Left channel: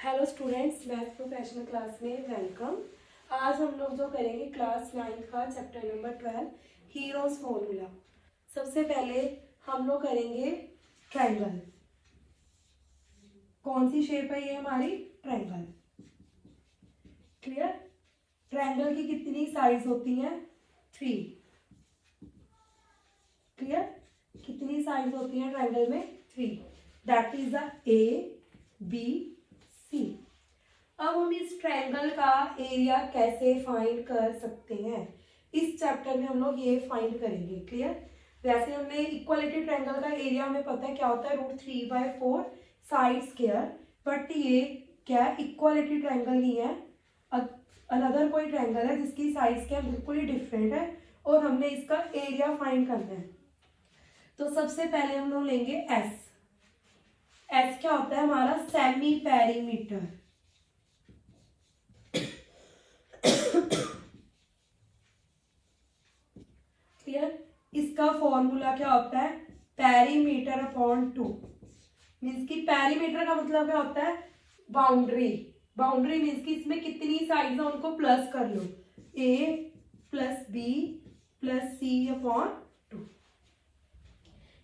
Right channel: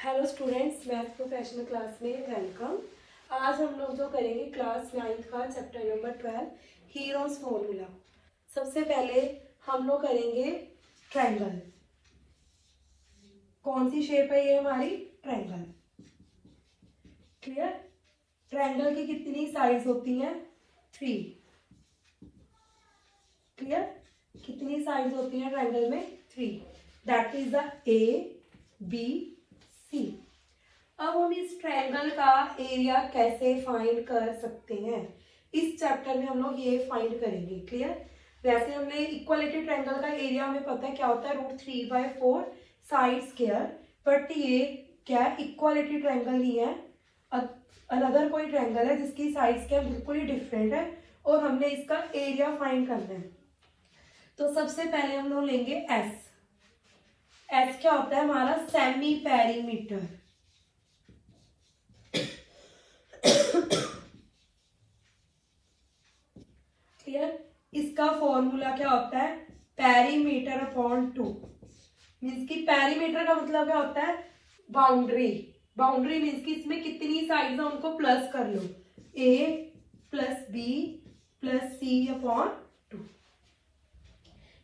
Hello students, math professional class में welcome. आज हम लोग जो करेंगे क्लास 9 का चैप्टर नंबर 12 हीरोज फॉर्मूला। सबसे पहले हम लोग करेंगे ट्रायंगल। कौन सी शेप है ये हमारी? ट्रायंगल। क्लियर? ट्रायंगल की कितनी साइड्स होती हैं? 3। क्लियर? कितनी साइड्स होती हैं ट्रायंगल में? 3। That is the A, B, C। अब हम इस ट्रायंगल का एरिया कैसे फाइंड कर सकते हैं? इस चैप्टर में हम लोग ये फाइंड करेंगे। क्लियर? वैसे हमने इक्वालिटी ट्रायंगल का एरिया हमें पता है क्या होता है, √3/4 साइड स्क्वायर। बट ये क्या इक्वालिटी ट्रायंगल नहीं है, अगर कोई ट्रायंगल है जिसकी साइड स्क्वायर बिल्कुल ही डिफरेंट है और हमने इसका एरिया फाइंड करना है। तो सबसे पहले हम लोग लेंगे S। S क्या होता है? हमारा सेमी पेरीमीटर। क्लियर? इसका फॉर्मूला क्या होता है? Perimeter upon 2। मीन्स की पेरीमीटर का मतलब क्या होता है? बाउंड्री। बाउंड्री मीन्स की इसमें कितनी साइड्स है उनको प्लस कर लो, A + B + C upon 2।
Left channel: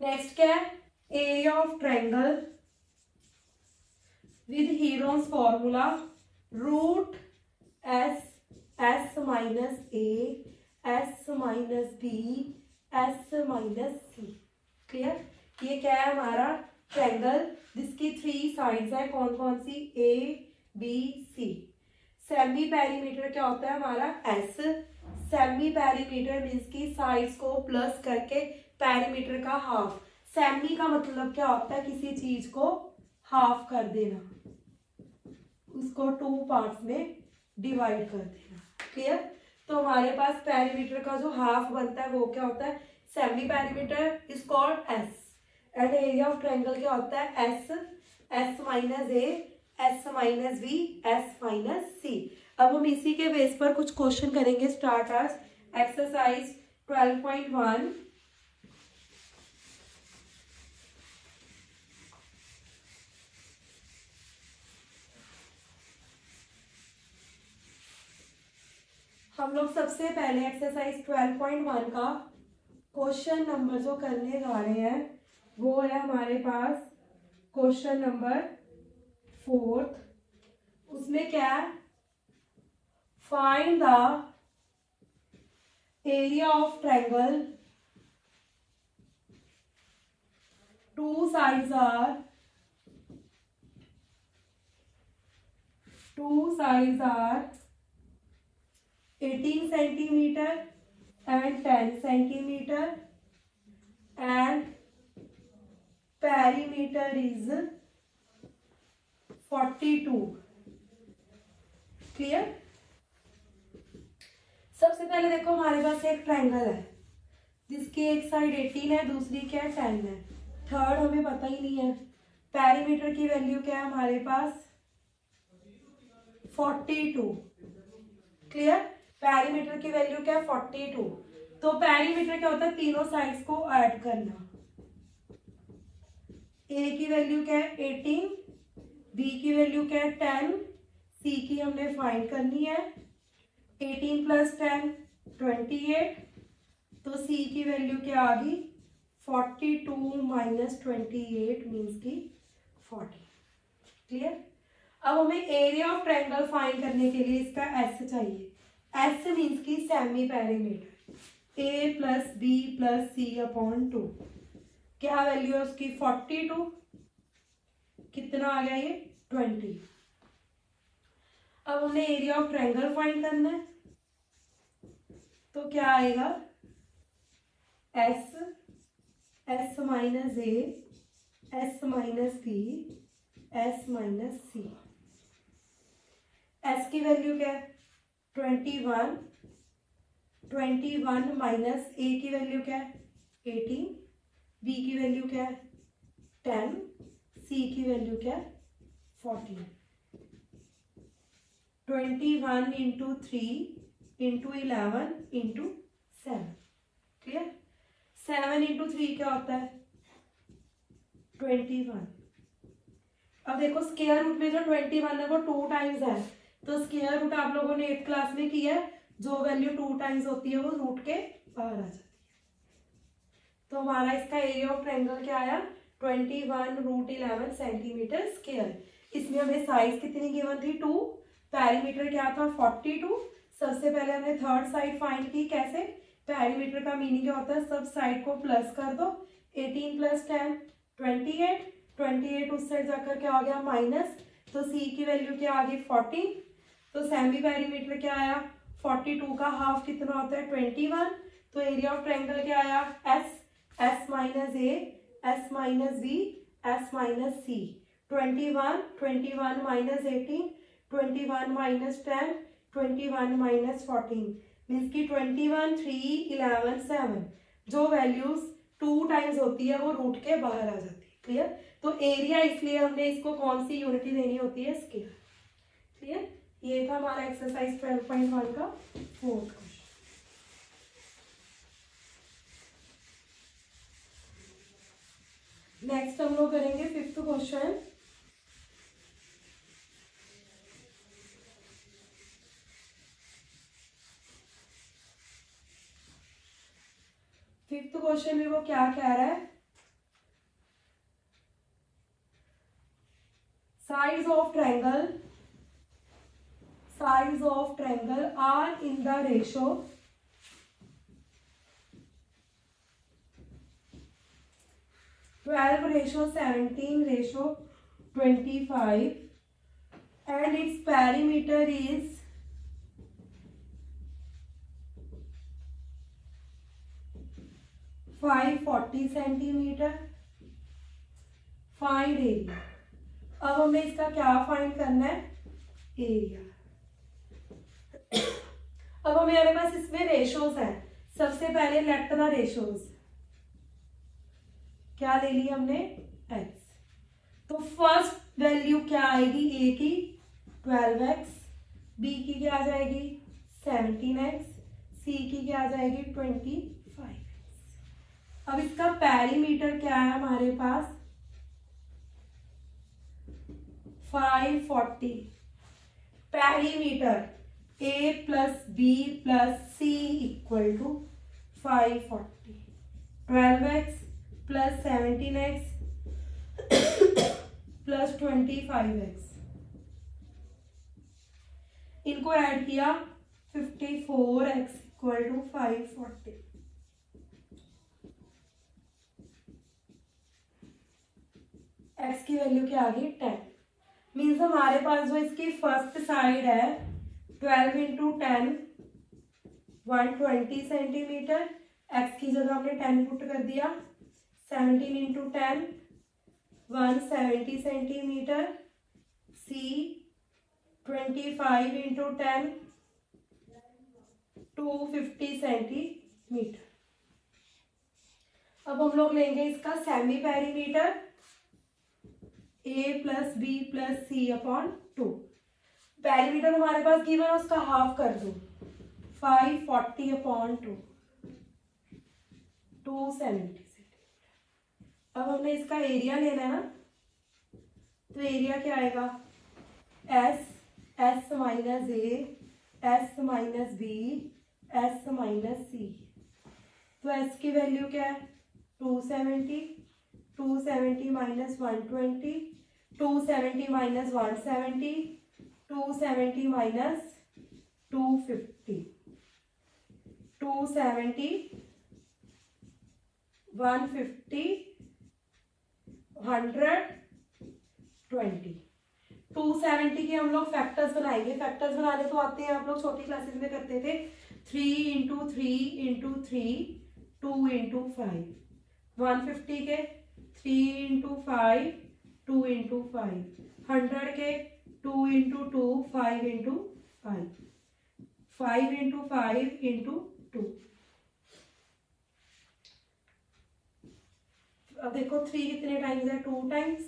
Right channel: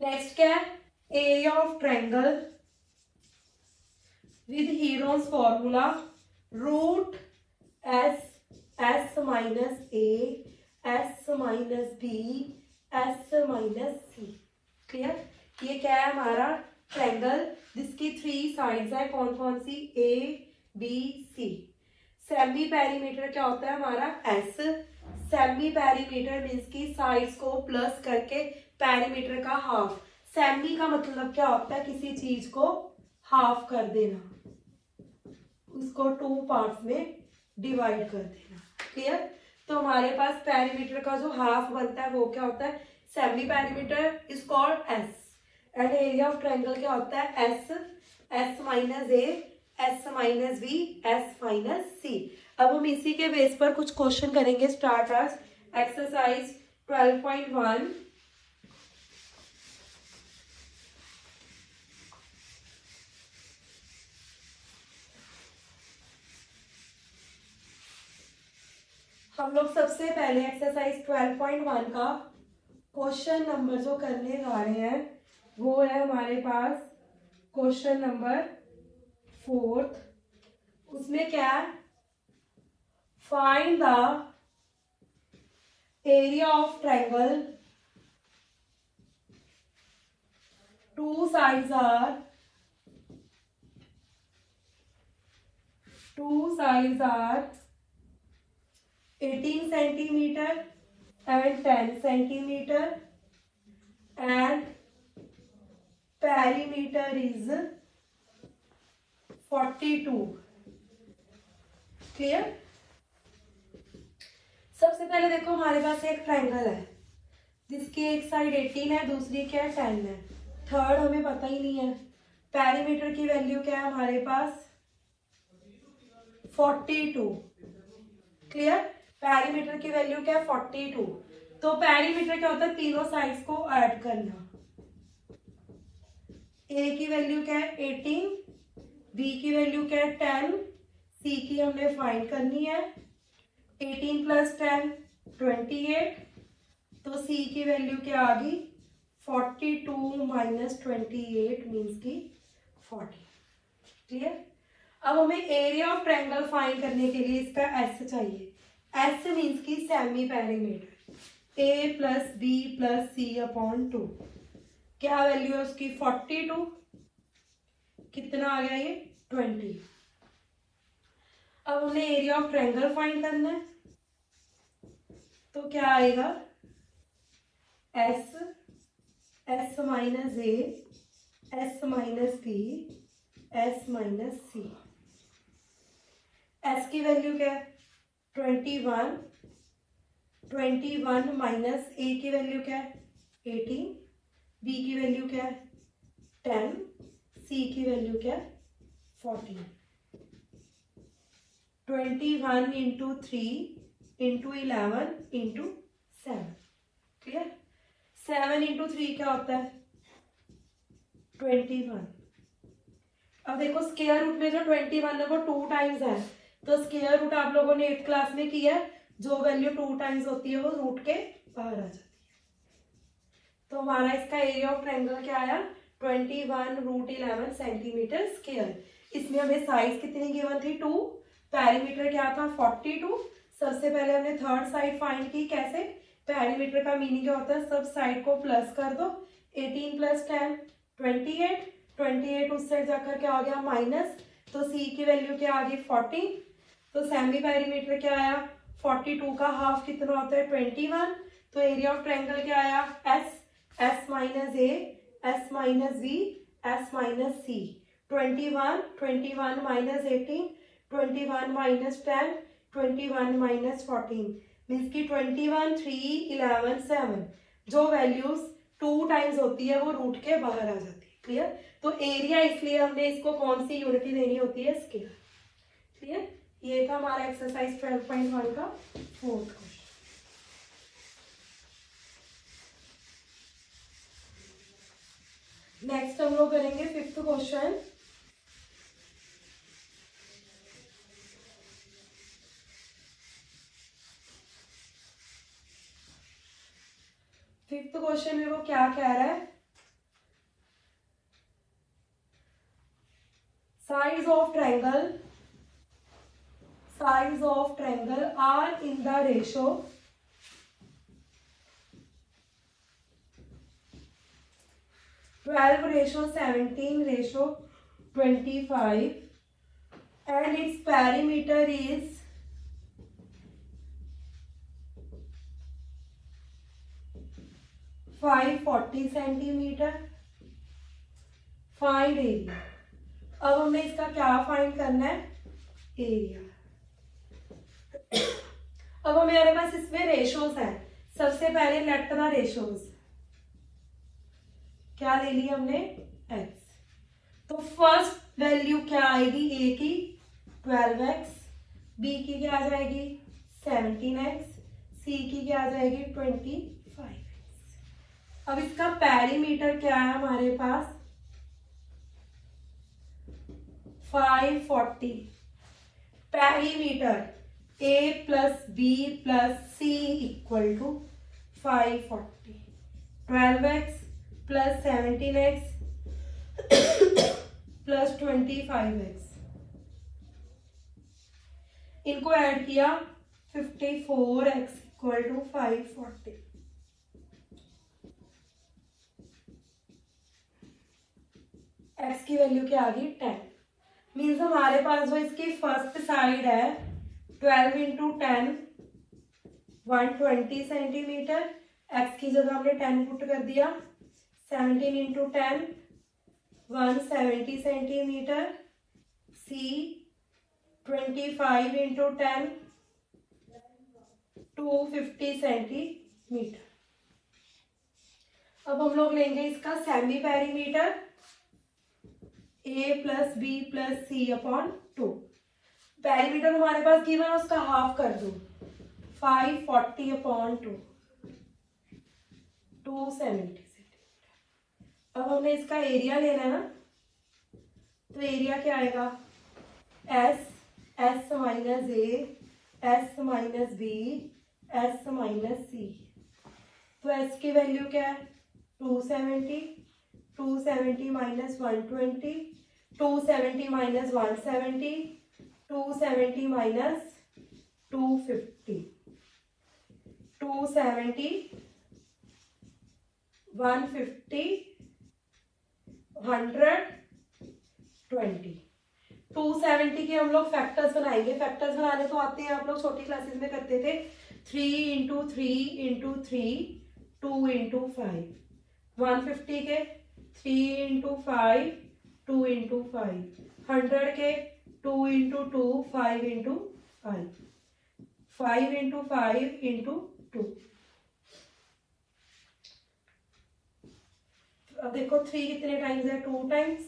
Next क्या है? Area of triangle with heroes formula √S, S - A, S - B, S - C। Clear? ये क्या है? हमारा ट्रायंगल जिसकी 3 साइड्स है। कौन कौन सी? A, B, C। Semi perimeter क्या होता है? हमारा S। सेमी पेरीमीटर मीन्स की साइड्स को प्लस करके पेरीमीटर का हाफ। सेमी का मतलब क्या होता है? किसी चीज को हाफ कर देना, उसको 2 पार्ट्स में डिवाइड कर देना। क्लियर? तो हमारे पास पेरीमीटर का जो हाफ बनता है वो क्या होता है? Semi perimeter is called S। And area of triangle क्या होता है? S, S - A, S - B, S - C। अब हम इसी के बेस पर कुछ क्वेश्चन करेंगे। स्टार्ट आज एक्सरसाइज 12.1। हम लोग सबसे पहले एक्सरसाइज 12.1 का क्वेश्चन नंबर जो करने जा रहे हैं वो है हमारे पास क्वेश्चन नंबर 4। उसमें क्या है? Find the area of triangle, two sides are 18 centimeter and 10 centimeter and perimeter is 42। Clear? सबसे पहले देखो हमारे पास एक ट्रायंगल है जिसकी एक साइड 18 है, दूसरी क्या है? 10 है। थर्ड हमें पता ही नहीं है। पेरीमीटर की वैल्यू क्या है हमारे पास? 42। क्लियर? पेरीमीटर की वैल्यू क्या है? 42। तो पेरीमीटर क्या होता है? तीनों साइड्स को ऐड करना। A की वैल्यू क्या है? 18, B की वैल्यू क्या है? 10, C की हमने फाइंड करनी है। 18 + 10 28। तो C की वैल्यू क्या आ गई? 42 - 28 मीन्स की 40। क्लियर? अब हमें एरिया ऑफ ट्रायंगल फाइंड करने के लिए इसका S चाहिए। S मीन्स की semi perimeter. A + B + C upon 2। क्या वैल्यू है उसकी? 42। कितना आ गया ये? 20। अब हमें एरिया ऑफ ट्रायंगल फाइंड करना है। तो क्या आएगा? S, S - A, S - B, S - C। S की वैल्यू क्या है? 21। 21 माइनस A की वैल्यू क्या है? 18। B की वैल्यू क्या है? 10। C की वैल्यू क्या है? 14। 21 × 3 × 11 × 7। क्लियर? 7 × 3 क्या होता है? 21। अब देखो स्क्वायर रूट में जो 21 है वो 2 टाइम्स है, तो स्क्वायर रूट आप लोगों ने 8th क्लास में किया है, जो वैल्यू 2 टाइम्स होती है वो रूट के बाहर आ जाती है। तो हमारा इसका एरिया ऑफ ट्रायंगल क्या आया 21√11 सेंटीमीटर स्क्वायर। इसमें हमें साइज कितनी गिवन थी 2, पेरीमीटर क्या था 42। सबसे पहले हमने थर्ड साइड फाइंड की, कैसे, पेरीमीटर का मीनिंग क्या होता है, सब साइड को प्लस कर दो, 18 + 10 28, 28 उस साइड जाकर क्या हो गया माइनस, तो सी की वैल्यू क्या आ गई 40। तो सेमी पेरीमीटर क्या आया 42 का हाफ कितना होता है 21। तो एरिया ऑफ ट्रायंगल क्या आया एस, एस माइनस ए, S minus B, S minus C. 21, 21 minus 18, 21 minus 10, 21 minus 14 means की 21, 3, 11, 7 जो वैल्यूज 2 टाइम्स होती है वो रूट के बाहर आ जाती है। क्लियर। तो एरिया इसलिए हमने इसको कौन सी यूनिटी देनी होती है स्क्वायर। क्लियर। ये था हमारा एक्सरसाइज 12.1 का 4th क्वेश्चन। नेक्स्ट हम लोग करेंगे 5th क्वेश्चन। फिफ्थ क्वेश्चन में वो क्या कह रहा है, sides of triangle are in the ratio 12:17:25 and its perimeter is 540 centimetre. Find area. अब हमने इसका क्या फाइंड करना है एरिया। अब हमारे पास इसमें रेशोज हैं। सबसे पहले लेफ्ट द रेशोज, क्या ले ली हमने x। तो फर्स्ट वैल्यू क्या आएगी a की 12x, b की क्या आ जाएगी 17x, c की क्या आ जाएगी 25x। अब इसका पेरीमीटर क्या है हमारे पास 540। Perimeter a + b + c = 540, 12x + 17x + 25x, इनको ऐड किया 54x = 540। x की वैल्यू क्या आ गई 10। मीन्स हमारे पास जो इसकी फर्स्ट साइड है 12 × 10 120 सेंटीमीटर, x की जगह हमने 10 पुट कर दिया, 17 × 10 170 सेंटीमीटर, c 25 × 10 250 सेंटीमीटर। अब हम लोग लेंगे इसका semi perimeter a + b + c/2। Perimeter हमारे पास गिवन है, उसका हाफ कर दो 540/2 270 सेंटीमीटर। अब हमने इसका एरिया लेना है ना, तो एरिया क्या आएगा s, s - a, s - b, s - c। तो s की वैल्यू क्या है 270, 270 - 120, 270 - 170, 270 - 250, 270 150 120। 270 के हम लोग फैक्टर्स बनाएंगे। फैक्टर्स बनाने तो आते हैं, आप लोग छोटी क्लासेस में करते थे। 3 × 3 × 3 2 × 5। 150 के 3 × 5 2 × 5। 100 के 2 × 2 5 × 5 5 × 5 × 2। अब देखो 3 कितने टाइम्स है 2 टाइम्स,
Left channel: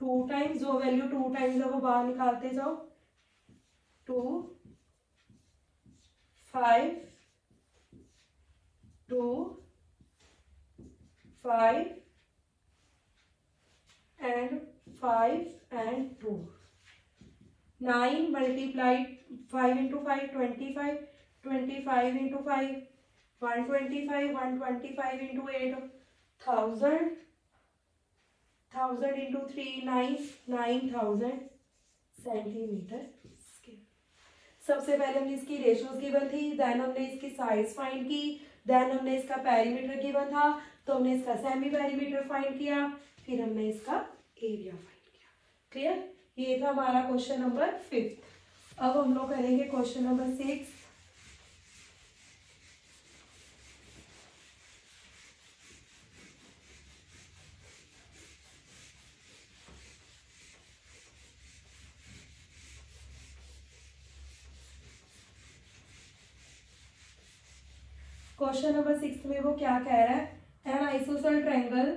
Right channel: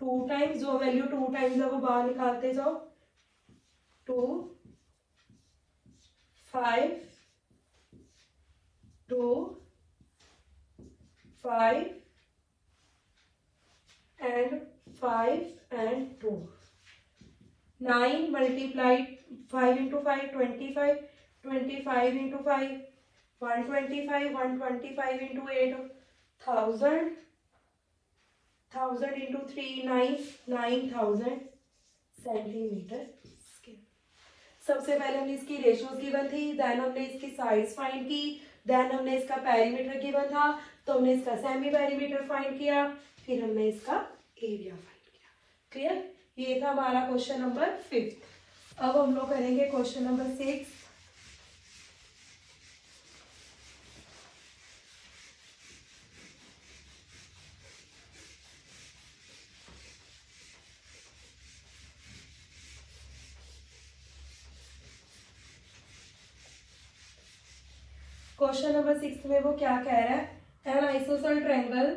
2 टाइम्स जो वैल्यू 2 टाइम्स है वो बाहर निकालते जाओ। 2 5 2 5 and 5 and 2. 9 multiplied 5 into 5 25, 25 into 5 125, 125 into 8 1000, 1000 into 3 9000 centimetre square. सबसे पहले हमने इसकी रेशियोज गिवन थी, देन हमने इसकी साइज फाइंड की, देन हमने इसका पेरीमीटर गिवन था तो हमने इसका सेमी पेरीमीटर फाइंड किया, फिर हमने इसका एरिया फाइंड किया। क्लियर? ये था हमारा क्वेश्चन नंबर 5। अब हम लोग करेंगे क्वेश्चन नंबर 6। क्वेश्चन नंबर 6 में वो क्या कह रहा है, an isosceles triangle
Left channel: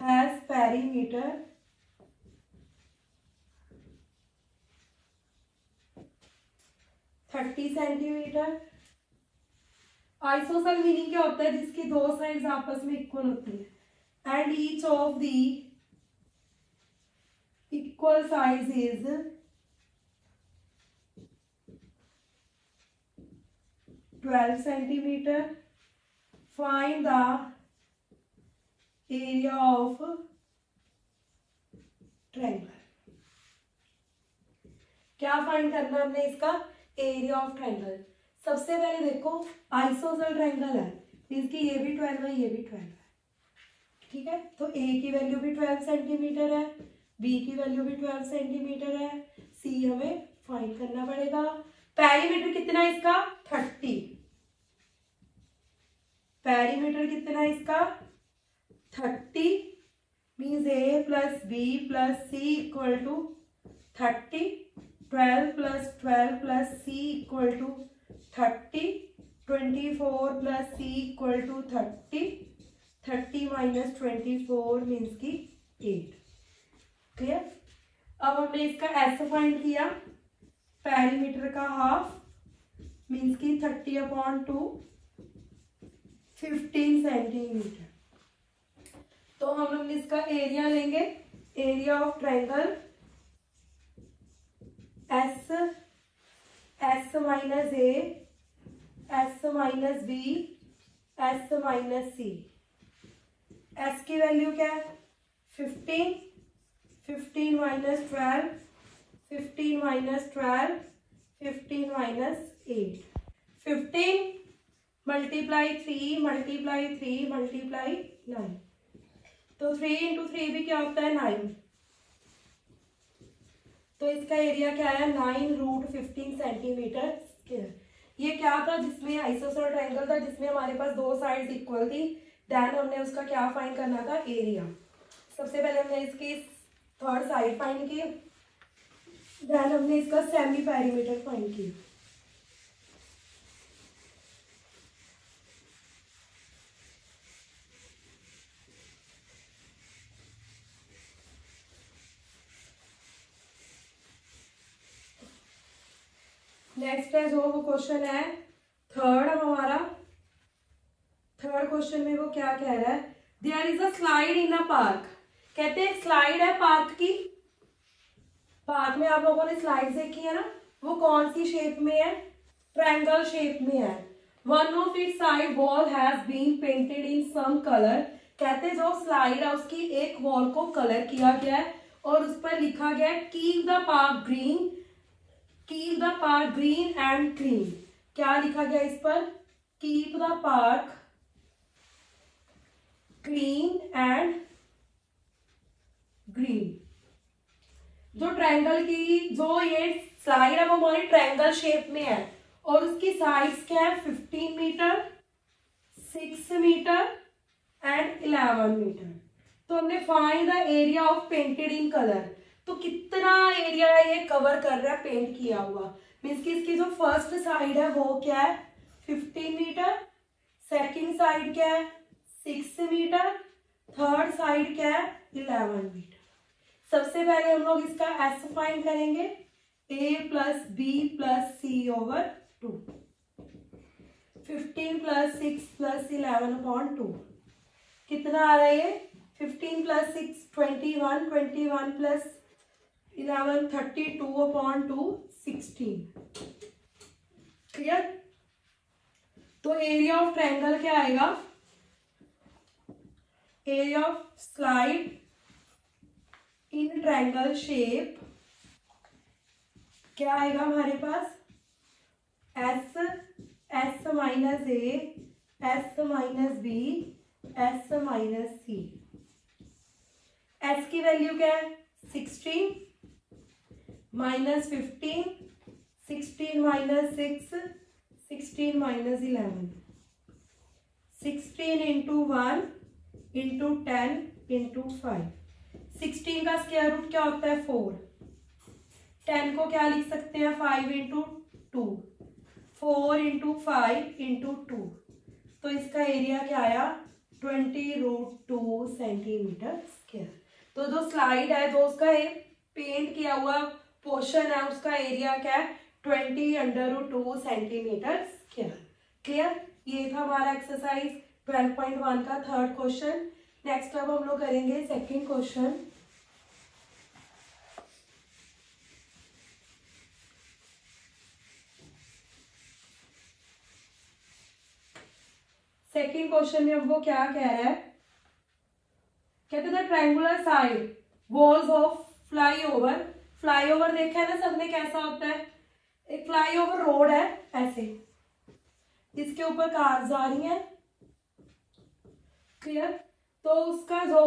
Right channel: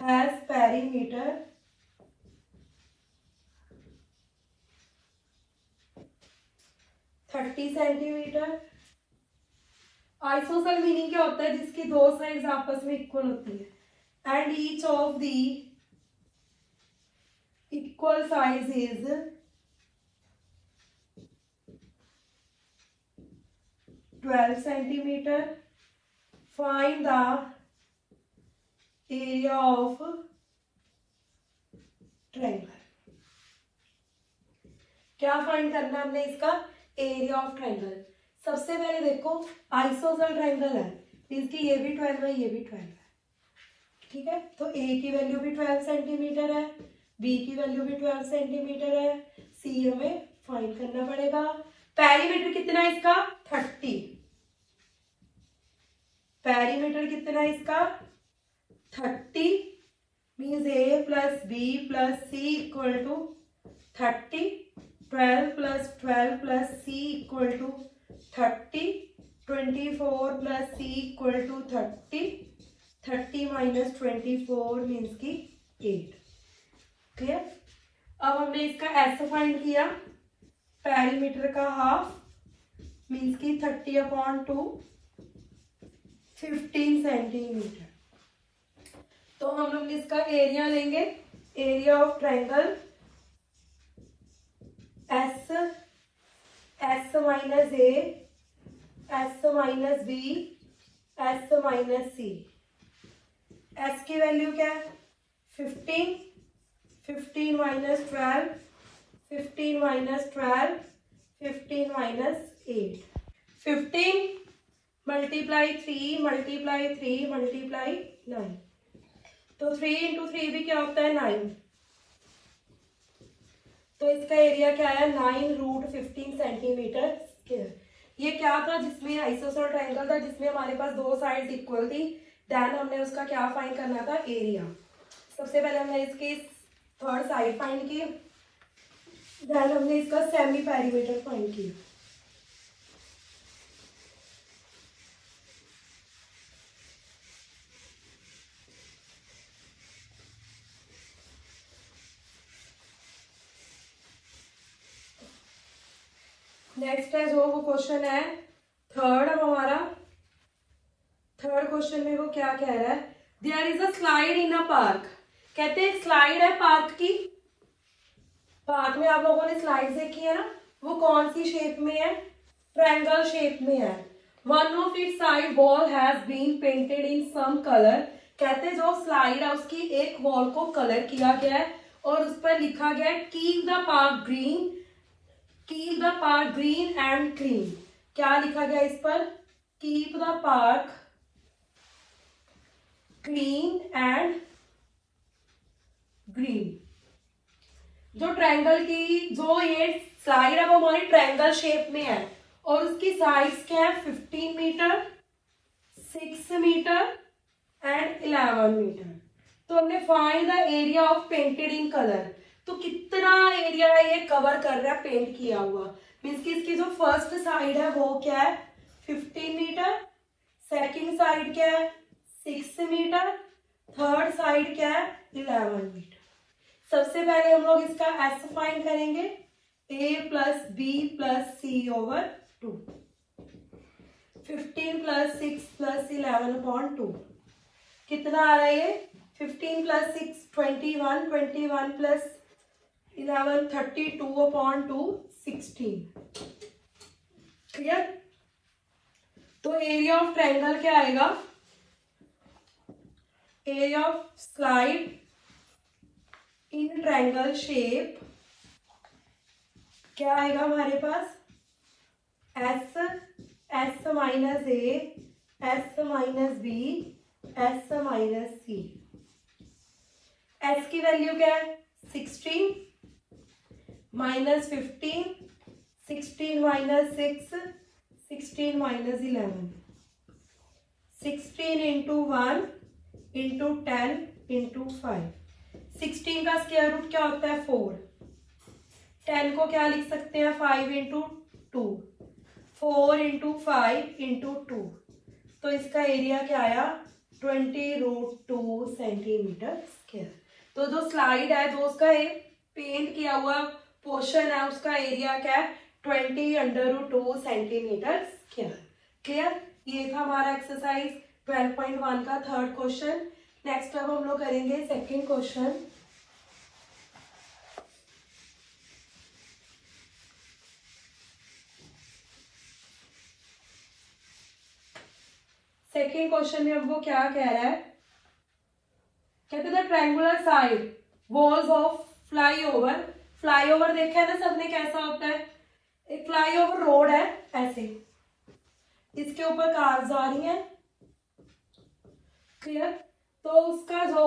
has perimeter 30 centimetre. Isosceles meaning क्या होता है, जिसकी दो साइड्स आपस में इक्वल होती है and each of the equal size is 12 centimetre. Find the area of triangle. क्या फाइंड करना है हमने इसका एरिया ऑफ ट्रायंगल। सबसे पहले देखो आइसोसेल ट्रायंगल है, इसकी ये भी 12 है, ये भी 12 है, ठीक है। तो ए की वैल्यू भी 12 सेंटीमीटर है, बी की वैल्यू भी 12 सेंटीमीटर है, सी हमें फाइंड करना पड़ेगा। पेरीमीटर कितना है इसका 30, पेरीमीटर कितना है इसका 30 means a plus b plus c equal to 30, 12 plus 12 plus c equal to 30, 24 plus c equal to 30, 30 minus 24 means की 8। क्लियर? अब हमने इसका एस फाइंड किया, पेरीमीटर का हाफ मीन्स की 30/2 15 सेंटीमीटर। तो हम लोग इसका एरिया लेंगे, area of triangle s, S minus A, S minus B, S minus c. S की वैल्यू क्या है 15, 15 minus 12, 15 minus 12, 15 minus 8, 15 multiply 3 multiply 3 multiply 9, तो 3 इंटू 3 भी क्या होता है 9, तो इसका एरिया क्या है 9√15 सेंटीमीटर स्क्वायर। ये क्या था, जिसमें आइसोसेल ट्रायंगल था जिसमें हमारे पास दो साइड्स इक्वल थी, देन हमने उसका क्या फाइंड करना था एरिया। सबसे पहले हमने इसकी थर्ड साइड फाइंड की, देन हमने इसका सेमी पेरीमीटर फाइंड किया। नेक्स्ट है जो वो क्वेश्चन है थर्ड हमारा, थर्ड क्वेश्चन में वो क्या कह रहा है, there is a slide in a park. कहते हैं स्लाइड है पार्क की, पार्क में आप लोगों ने स्लाइड देखी है ना, वो कौन सी शेप में है, ट्रायंगल शेप में है। One of its side wall has been painted in some colour. कहते हैं जो स्लाइड है उसकी एक वॉल को कलर किया गया है और उस पर लिखा गया है keep the park green, keep the park green and clean. क्या लिखा गया इस पर, keep the park clean and green. जो ट्रायंगल की जो ये स्लाइड है वो हमारी ट्रायंगल शेप में है और उसकी साइड्स क्या है 15 मीटर, 6 मीटर एंड 11 मीटर। तो हमने find the area of painted in colour, तो कितना एरिया है ये कवर कर रहा है पेंट किया हुआ, मीन्स की इसकी जो फर्स्ट साइड है वो क्या है 15 मीटर, सेकंड साइड क्या है 6 मीटर, थर्ड साइड क्या है 11 मीटर। सबसे पहले हम लोग इसका एस फाइंड करेंगे, a plus b plus c over 2। 15 + 6 + 11/2 कितना आ रहा है ये? 15 + 6 21, 21 + 11 32/2 16। क्लियर? तो एरिया ऑफ ट्रायंगल क्या आएगा? Area of slide in triangle shape क्या आएगा हमारे पास? S - A, S - B, S - C। S की वैल्यू क्या है? 16 - 15, 16 - 6, 16 - 11, 16 × 1 × 10 × 5। 16 का स्क्वायर रूट क्या होता है? 4। 10 को क्या लिख सकते हैं? 5 × 2, 4 × 5 × 2। तो इसका एरिया क्या आया? 20√2 सेंटीमीटर स्क्वायर। तो जो स्लाइड है, जो उसका पेंट किया हुआ पोर्शन है, उसका एरिया क्या है? 20√2 सेंटीमीटर स्क्वायर। क्लियर? ये था हमारा एक्सरसाइज 12.1 का थर्ड क्वेश्चन। नेक्स्ट अब हम लोग करेंगे सेकंड क्वेश्चन। सेकेंड क्वेश्चन में हमको क्या कह रहा है? कहते हैं triangular side walls of flyover. Flyover देखा है ना सबने, कैसा होता है? एक फ्लाईओवर रोड है ऐसे, इसके ऊपर कार जा रही है। क्लियर? तो उसका जो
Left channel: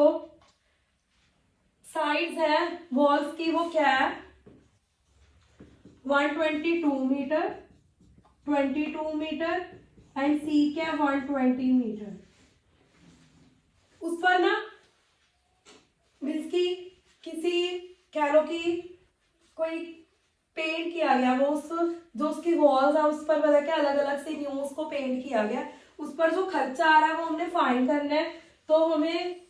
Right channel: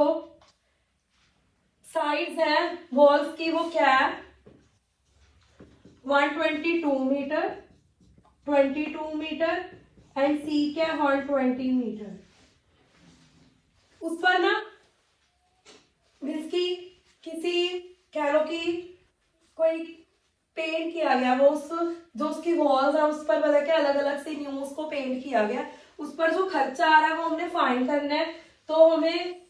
साइड्स है वॉल्स की, वो क्या है? 122 मीटर, 22 मीटर एंड सी क्या? 120 मीटर। उस पर ना की किसी कह लो कि कोई पेंट किया गया, वो उस जो उसकी वॉल्स है उस पर पता है अलग अलग से न्यूज को पेंट किया गया। उस पर जो खर्चा आ रहा है वो हमने फाइंड करना है। तो हमें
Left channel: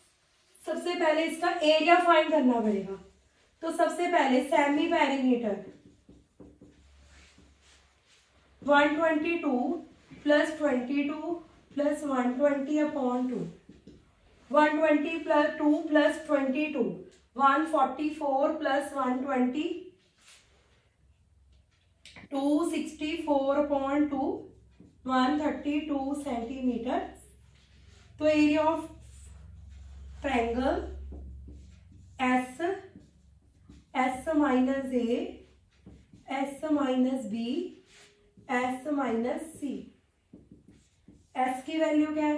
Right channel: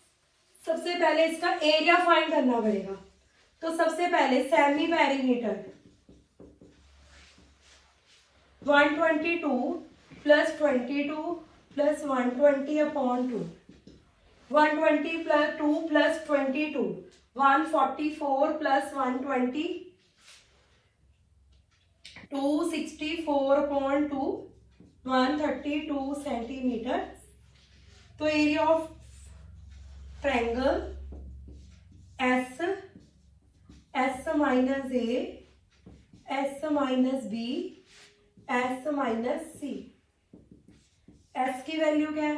सबसे पहले इसका एरिया फाइंड करना पड़ेगा। तो सबसे पहले सेमी पेरीमीटर 122 + 22 + 120/2, 120 + 2 + 22, 144 + 120, 264/2, 132 सेंटीमीटर। तो area of triangle S, S - A, S - B, S - C। S की वैल्यू क्या है?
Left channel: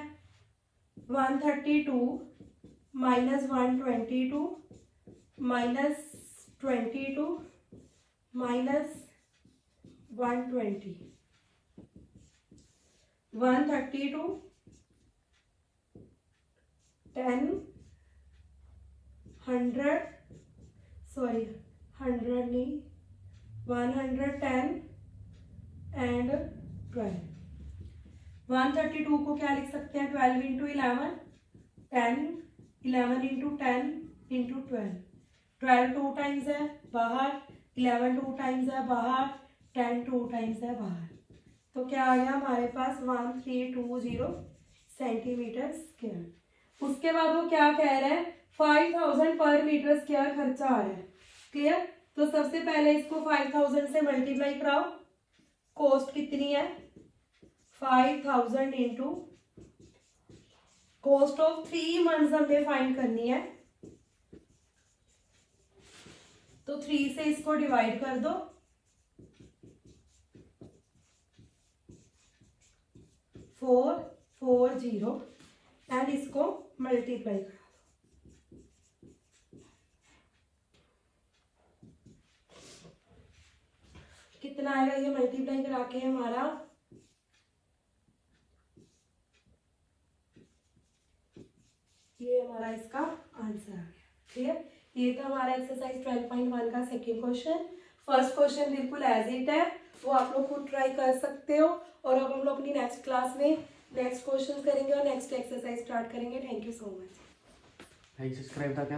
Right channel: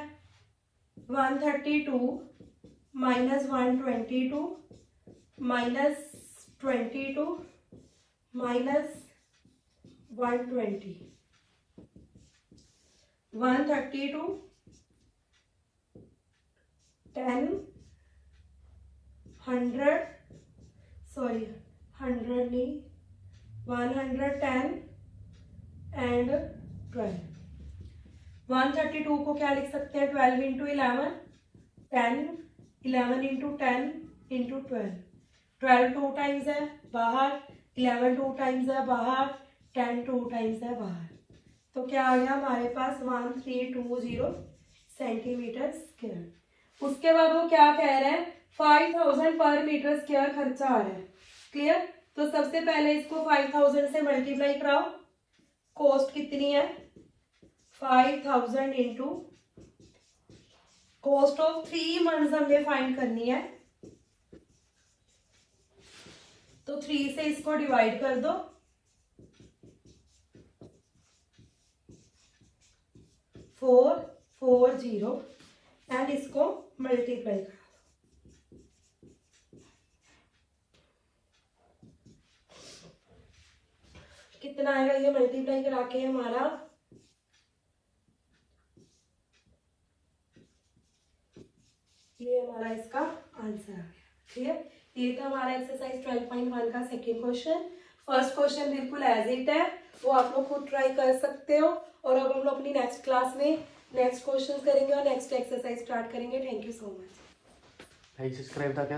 132 - 122 - 22 - 120, 132 10 100 सॉरी 100 नहीं 110 एंड 12। 132 को क्या लिख सकते हैं? 12 × 11 10, 11 × 10 × 12। 12 2 टाइम्स है बाहर, 11 2 टाइम्स है बाहर, 10 2 टाइम्स है बाहर। तो क्या आ गया हमारे पास? 1320 सेंटीमीटर स्क्वायर। उसके बाद वो क्या कह रहे हैं? 5000 पर मीटर स्क्वायर खर्चा आ रहा है। क्लियर? तो सबसे पहले इसको 5000 से मल्टीप्लाई कराओ। कॉस्ट कितनी है? 5000 इंटू कॉस्ट ऑफ 3 मंथ्स हमें फाइंड करनी है। तो 3 से इसको डिवाइड कर दो, 440 एंड इसको मल्टीप्लाई करो। कितना आएगा ये मल्टीप्लाई करा के? हमारा ये हमारा इसका आंसर आ गया। ठीक है? ये तो हमारा एक्सरसाइज 12.1 का सेकेंड क्वेश्चन। फर्स्ट क्वेश्चन बिल्कुल एज इट है, वो आप लोग खुद ट्राई कर सकते हो। और अब हम लोग अपनी नेक्स्ट क्लास में नेक्स्ट क्वेश्चन करेंगे और नेक्स्ट एक्सरसाइज स्टार्ट करेंगे। Thank you so much. Subscribe था क्या